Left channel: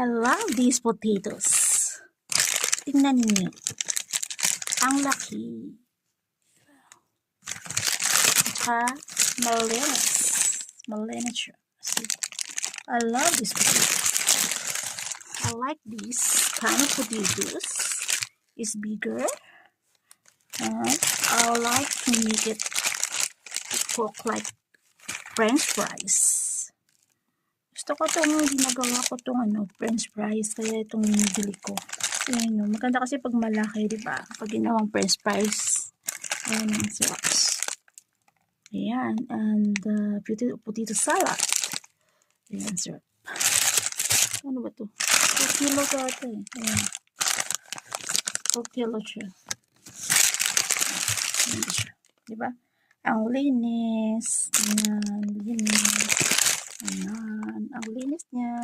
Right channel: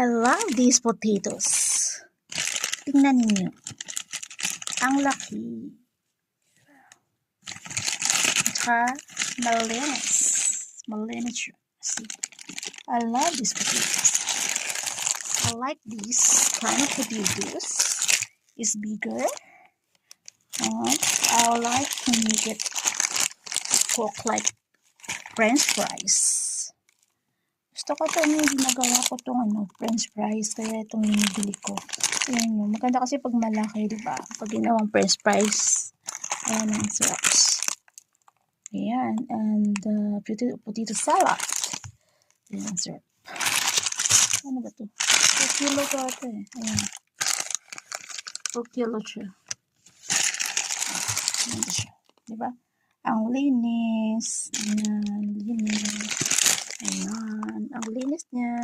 I love these potatoes. Tingnan ninyo. Ang laki. At saka, malinis. Malinis siya. See? I love these potatoes. I like this kind of potatoes. It's bigger. And I like to make it cook like French fries. Gusto ko itong ginagawa ko itong French fries, kaya itong binibili ko. Ayan yun. Maganda kasi pag malaki, diba? Pag ginawang French fries. Ayan ang sarap. Ayan. And potato salad. Ayan, sarap. Ano ba ito? 4 kilo ka ito eh. Ayan. 4 kilo siya. Ayan siya. Diba? Ang linis. Ayan. Linis. Ayan. Ang linis niya.